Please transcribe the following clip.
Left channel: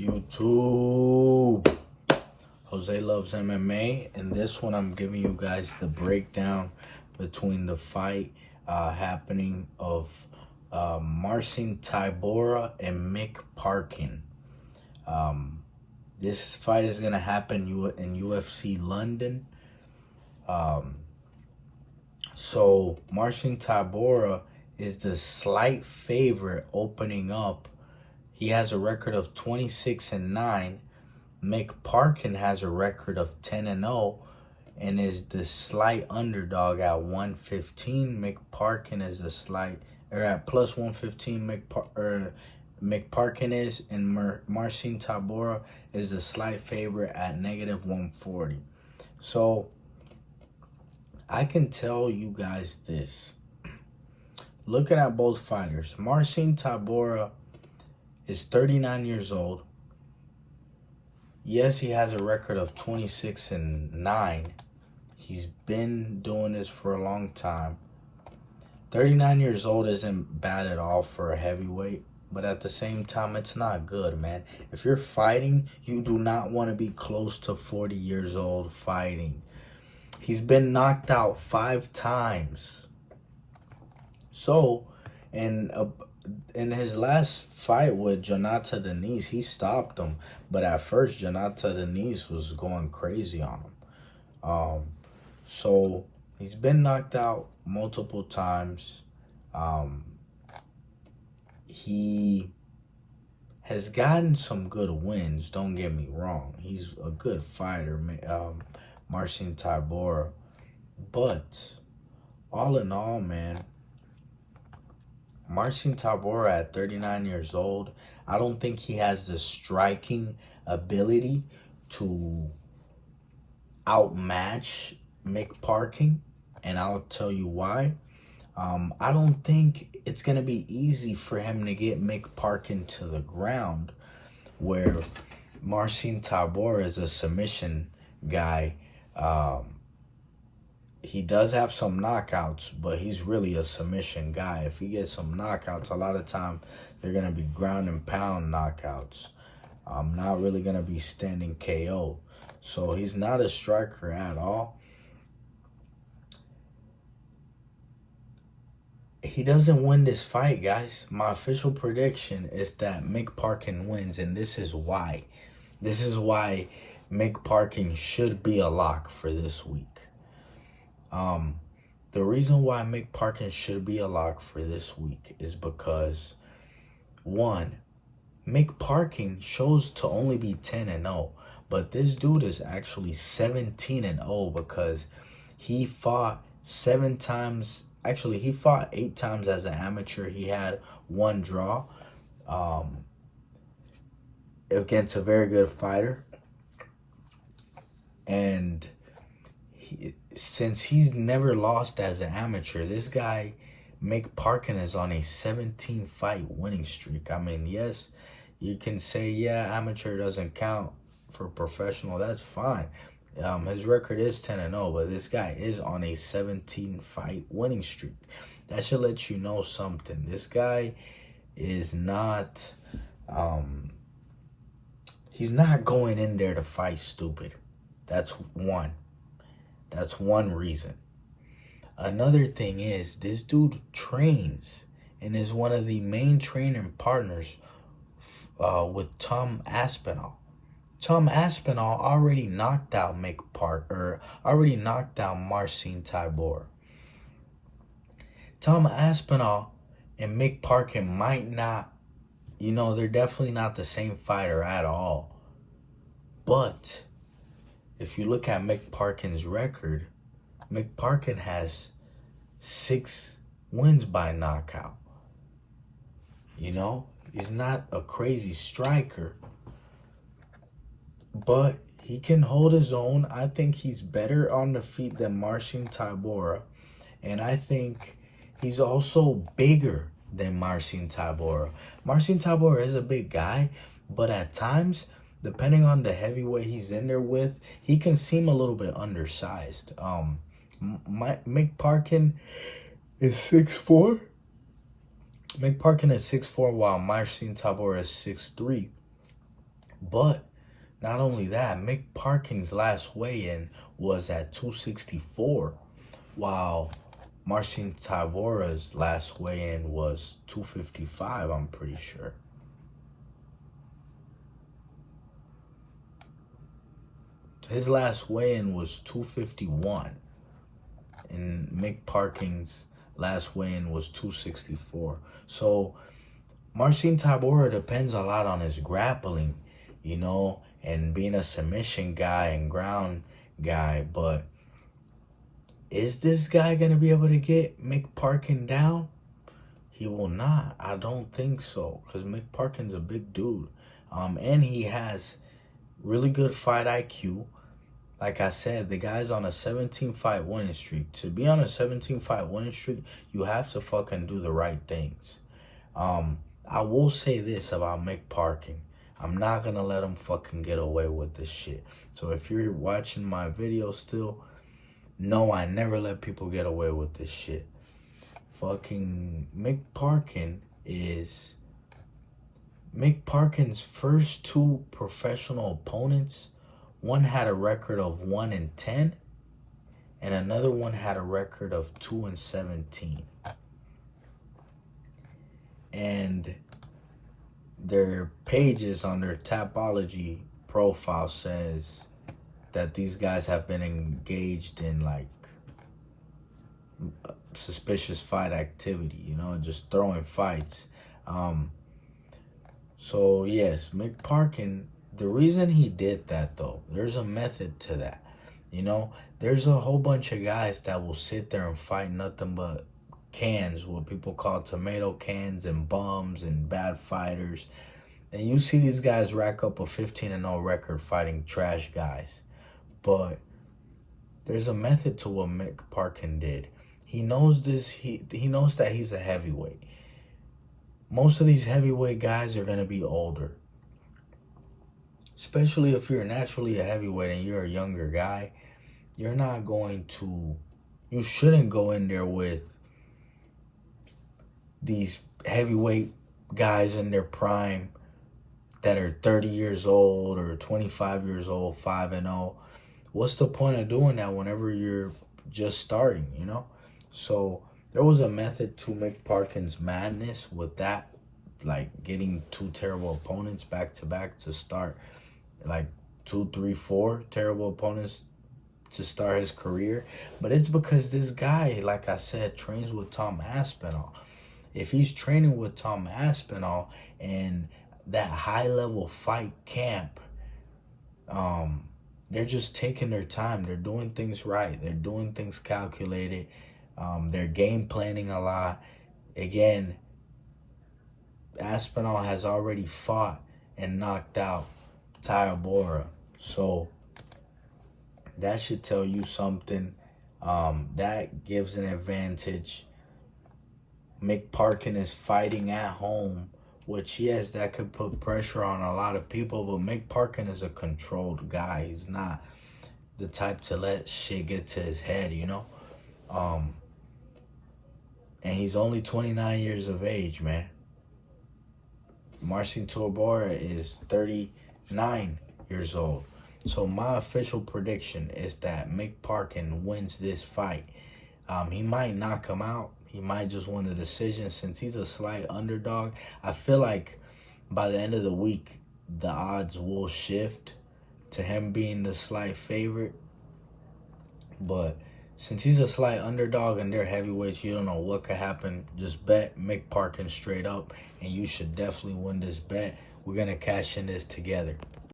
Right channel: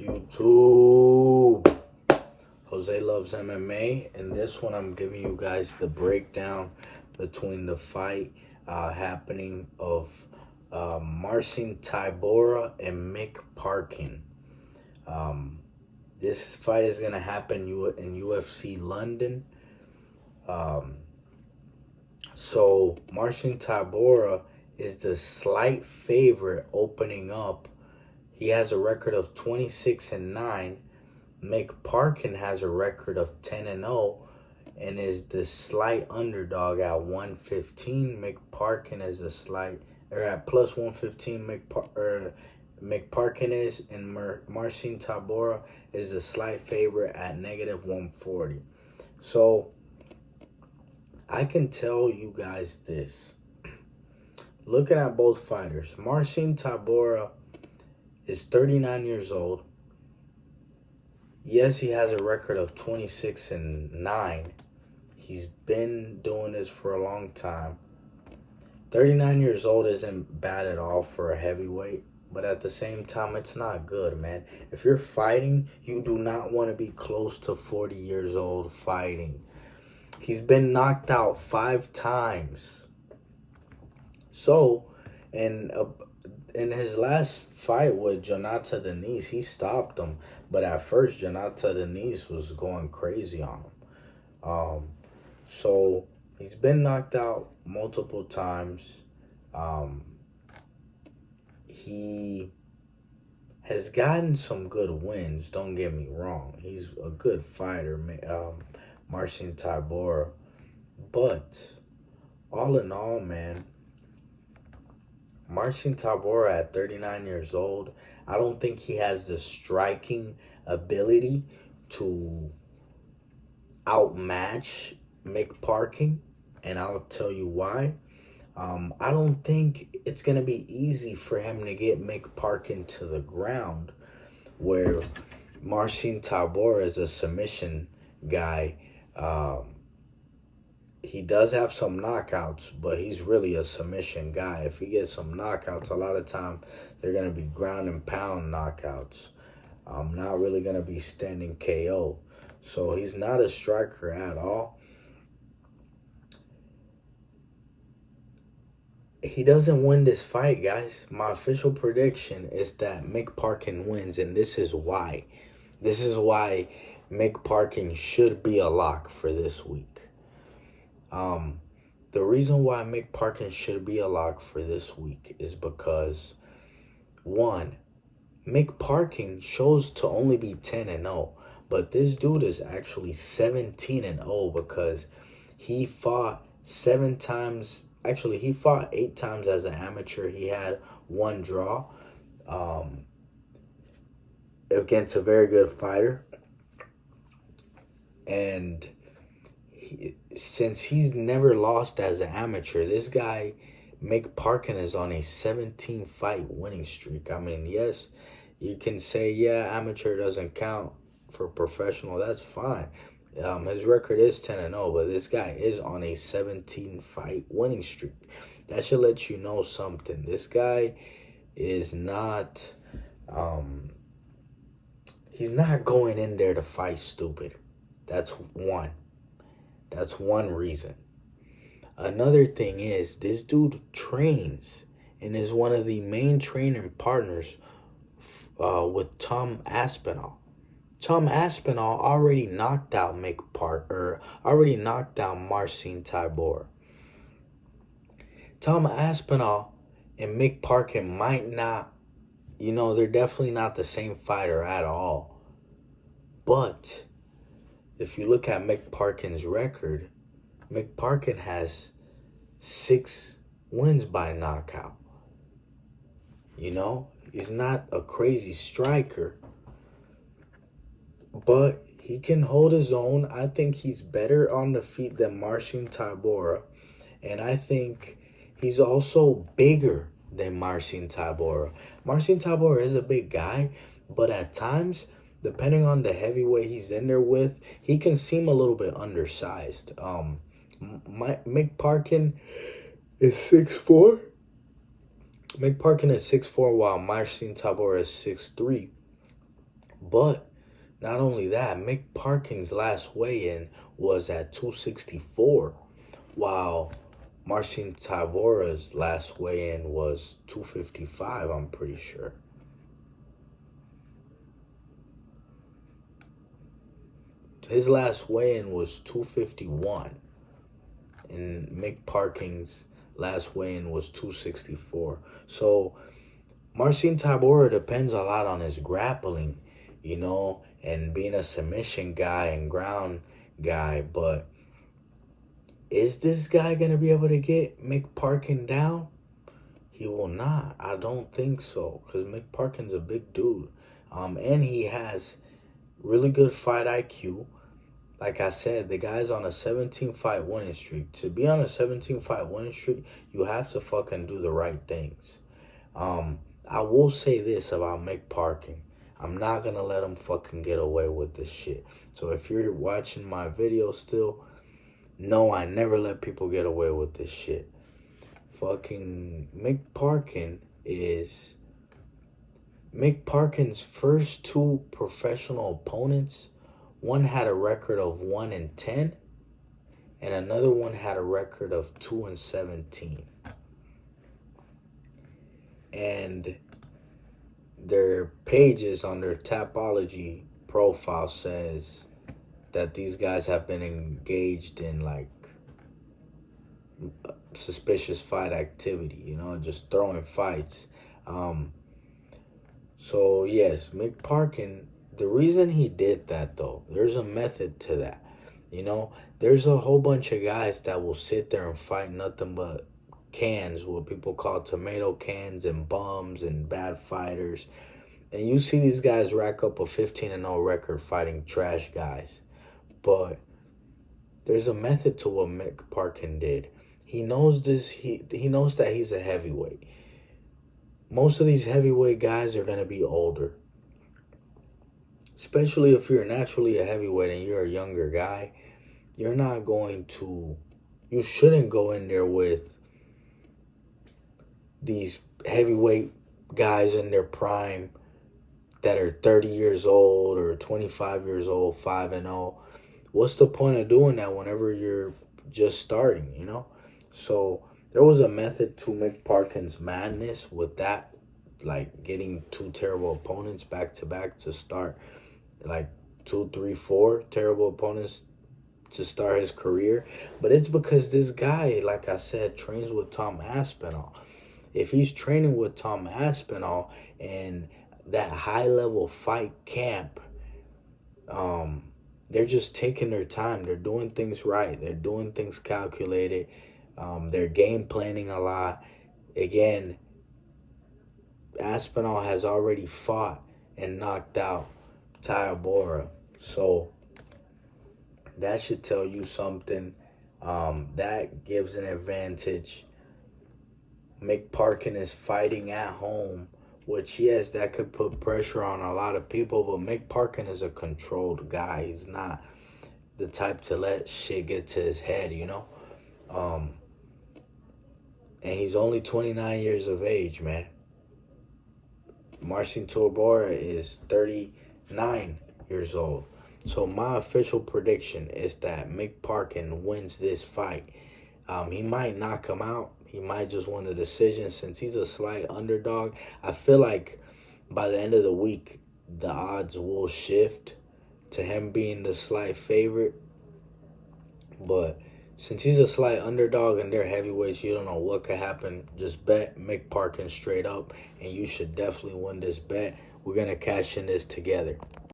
YouTube. Jose Loves MMA. In this one, I'm giving you guys the breakdown between the fight happening of Marcin Tybura and Mick Parkin. This fight is going to happen in UFC London. So Marcin Tybura is the slight favorite opening up. He has a record of 26-9. Mick Parkin has a record of 10-0 and is the slight underdog at 115. Mick Parkin is at plus 115. Mick Parkin is, and Marcin Tybura is the slight favorite at negative 140. So I can tell you guys this. Looking at both fighters, Marcin Tybura is 39 years old. Yes, he has a record of 26-9. He's been doing this for a long time. 39 years old isn't bad at all for a heavyweight, but at the same time, it's not good, man. If you're fighting, you do not want to be close to 40 years old fighting. He's been knocked out 5 times. So, in his last fight with Jonata Denise, he stopped him. But at first, Jonata Denise was going crazy on him. So, he's been knocked out multiple times. He has gotten some good wins, don't get me wrong. He's a good fighter, Marcin Tybura. But, all in all, man, Marcin Tybura at 39 years old, I don't think he has the striking ability to outmatch Mick Parkin, and I'll tell you why. I don't think it's going to be easy for him to get Mick Parkin to the ground, where Marcin Tybura is a submission guy. He does have some knockouts, but he's really a submission guy. If he gets some knockouts, a lot of time they're going to be ground and pound knockouts. Not really going to be standing KO. So he's not a striker at all. He doesn't win this fight, guys. My official prediction is that Mick Parkin wins, and this is why. This is why Mick Parkin should be a lock for this week. The reason why Mick Parkin should be a lock for this week is because, one, Mick Parkin shows to only be 10-0, but this dude is actually 17-0 because he fought 7 times. Actually, he fought 8 times as an amateur. He had 1 draw against a very good fighter. And since he's never lost as an amateur, this guy, Mick Parkin, is on a 17-fight winning streak. I mean, yes, you can say, yeah, amateur doesn't count for professional. That's fine. His record is 10-0, but this guy is on a 17-fight winning streak. That should let you know something. This guy is not, he's not going in there to fight stupid. That's one. That's one reason. Another thing is, this dude trains and is one of the main training partners with Tom Aspinall. Tom Aspinall already knocked out already knocked out Marcin Tybura. Tom Aspinall and Mick Parkin might not, they're definitely not the same fighter at all. But if you look at Mick Parkin's record, Mick Parkin has 6 wins by knockout. He's not a crazy striker, but he can hold his own. I think he's better on the feet than Marcin Tybura, and I think he's also bigger than Marcin Tybura. Marcin Tybura is a big guy, but at times, depending on the heavyweight he's in there with, he can seem a little bit undersized. Mick Parkin is 6'4". Mick Parkin is 6'4", while Marcin Tybura is 6'3". But not only that, Mick Parkin's last weigh-in was at 264, while Marcin Tybura's last weigh-in was 255, I'm pretty sure. His last weigh-in was 251, and Mick Parkin's last weigh-in was 264. So Marcin Tybura depends a lot on his grappling, and being a submission guy and ground guy. But is this guy going to be able to get Mick Parkin down? He will not. I don't think so, because Mick Parkin's a big dude. And he has really good fight IQ. Like I said, the guy's on a 17-fight winning streak. To be on a 17-fight winning streak, you have to fucking do the right things. I will say this about Mick Parkin. I'm not going to let him fucking get away with this shit. So if you're watching my video still, no, I never let people get away with this shit. Fucking Mick Parkin's first two professional opponents, one had a record of 1-10, and another one had a record of 2-17. And their pages on their Tapology profile says that these guys have been engaged in like suspicious fight activity, just throwing fights. So yes, Mick Parkin, the reason he did that though, there's a method to that. There's a whole bunch of guys that will sit there and fight nothing but cans, what people call tomato cans, and bums and bad fighters. And you see these guys rack up a 15-0 record fighting trash guys. But there's a method to what Mick Parkin did. He knows this. He knows that he's a heavyweight. Most of these heavyweight guys are going to be older. Especially if you're naturally a heavyweight and you're a younger guy. You shouldn't go in there with these heavyweight guys in their prime that are 30 years old or 25 years old, 5-0. What's the point of doing that whenever you're just starting, So there was a method to Mick Parkin's madness with that, like getting two terrible opponents back to back to start, like 2, 3, 4 terrible opponents to start his career. But it's because this guy, like I said, trains with Tom Aspinall. If he's training with Tom Aspinall and that high-level fight camp, they're just taking their time. They're doing things right. They're doing things calculated. They're game planning a lot. Again, Aspinall has already fought and knocked out Tybura. So that should tell you something. That gives an advantage. Mick Parkin is fighting at home, which, yes, that could put pressure on a lot of people, but Mick Parkin is a controlled guy. He's not the type to let shit get to his head, And he's only 29 years of age, man. Marcin Tybura is 39 years old. So my official prediction is that Mick Parkin wins this fight. He might knock him out. He might just win the decision since he's a slight underdog. I feel like by the end of the week, the odds will shift to him being the slight favorite. But since he's a slight underdog and they're heavyweights, you don't know what could happen. Just bet Mick Parkin straight up, and you should definitely win this bet. We're going to cash in this together.